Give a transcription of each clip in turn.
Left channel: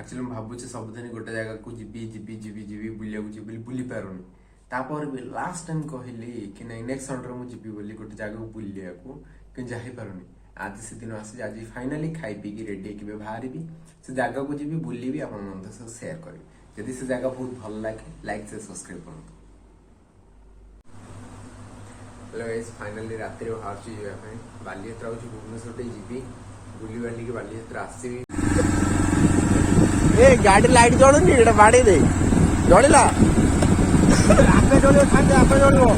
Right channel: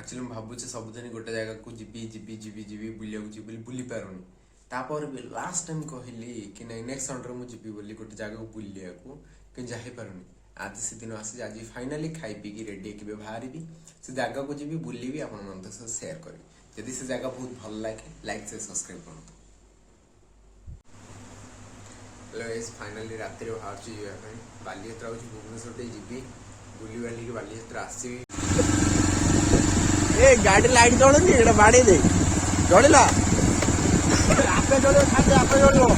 Actually मुझे भावुँ सबुदिन गोटे जगह को जीवी जीवी जीवी जीवी बुलिया जी बुली पारुनी तापर भी लास्ट टाइम कहली कि नहीं नेक्स्ट संडे मुझे जीवी बोली गोटे जगह को बुलिया कि जापारुनी आज से दिन आसी आज फाइनाली खाई पी रेडी होकर बाहर से जगह को जी बुलि आप सेयार करी जदि से जगह बहुत भल लगे लाइक से सब्सक्राइब करूँ। फाइनाली रात बाहर बालीयात्रा हूँ भुवनेश्वर जी बुली बाली बालीयात्रा आसवि गाड़ी लाइट जलुनी बाड़ी दे जलिला आपे जलियो खाते आपे जलियो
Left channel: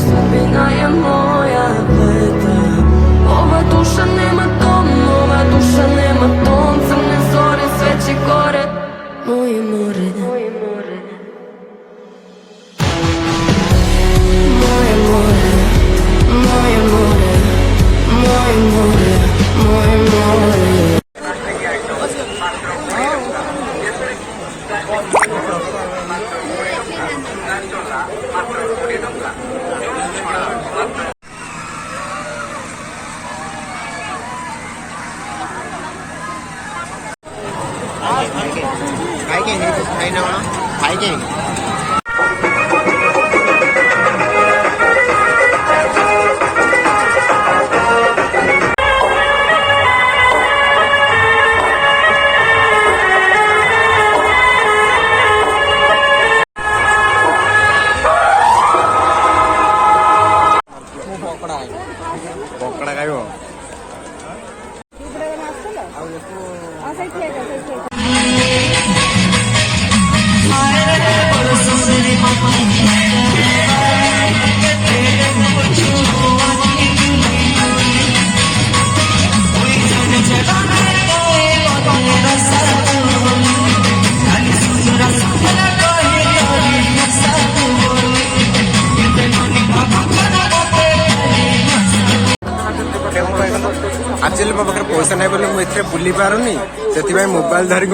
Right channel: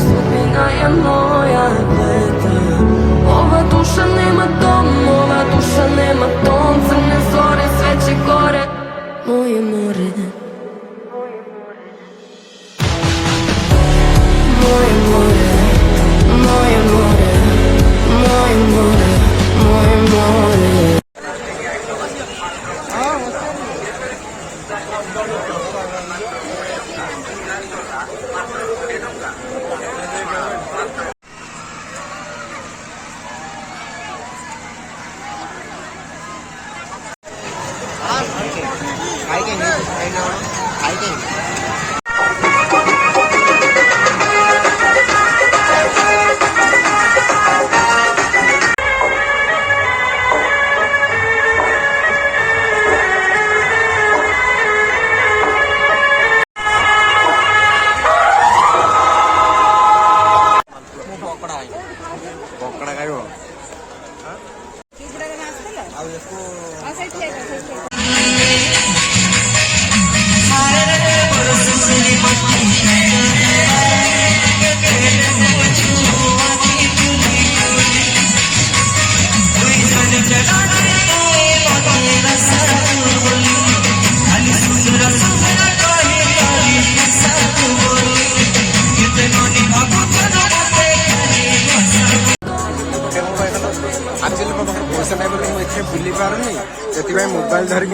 Спина моя плита, ова душа нема дом, ова душа нема дом, црне зори, свечи горе, моje more. Moje more, moje more, moje more, moje more. खाई के नहीं खाई ना होना खाई के पकड़ा खाइब एक्चुअली मो पाखे पैसा ना बोले मुझे बुली पारुनी से मोबाइल धरिक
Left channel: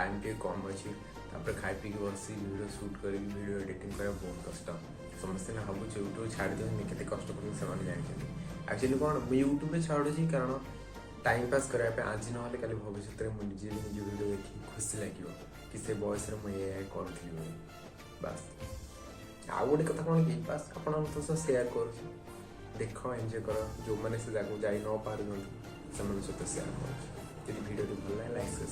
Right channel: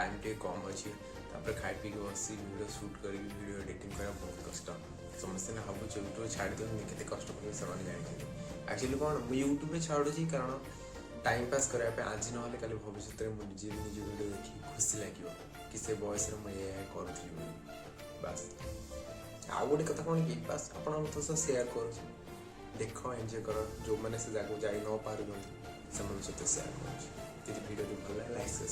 टाइम टे कम अच्छी तापर खाई पी बसी वीडियो शूट कर वीडियो एडिटिंग करा बहुत कष्ट समस्ते ना भावुँ यूट्यूब छाड़ देनी केते कष्ट कर जानते एक्चुअली कौन मुझे यूट्यूब में छाड़ुची कारण टाइम पास करने आज ना कल भविष्य में मुझे निज वीडियो देखी खुशी लगे कि से बयस मुझे करूँ बास आउ गोटे कथा कौन कि बास आप सेयार कर देख एंजॉय कर जो मैंने से जगह जा न पार से सहित सेयार कर वीडियो भल लाइक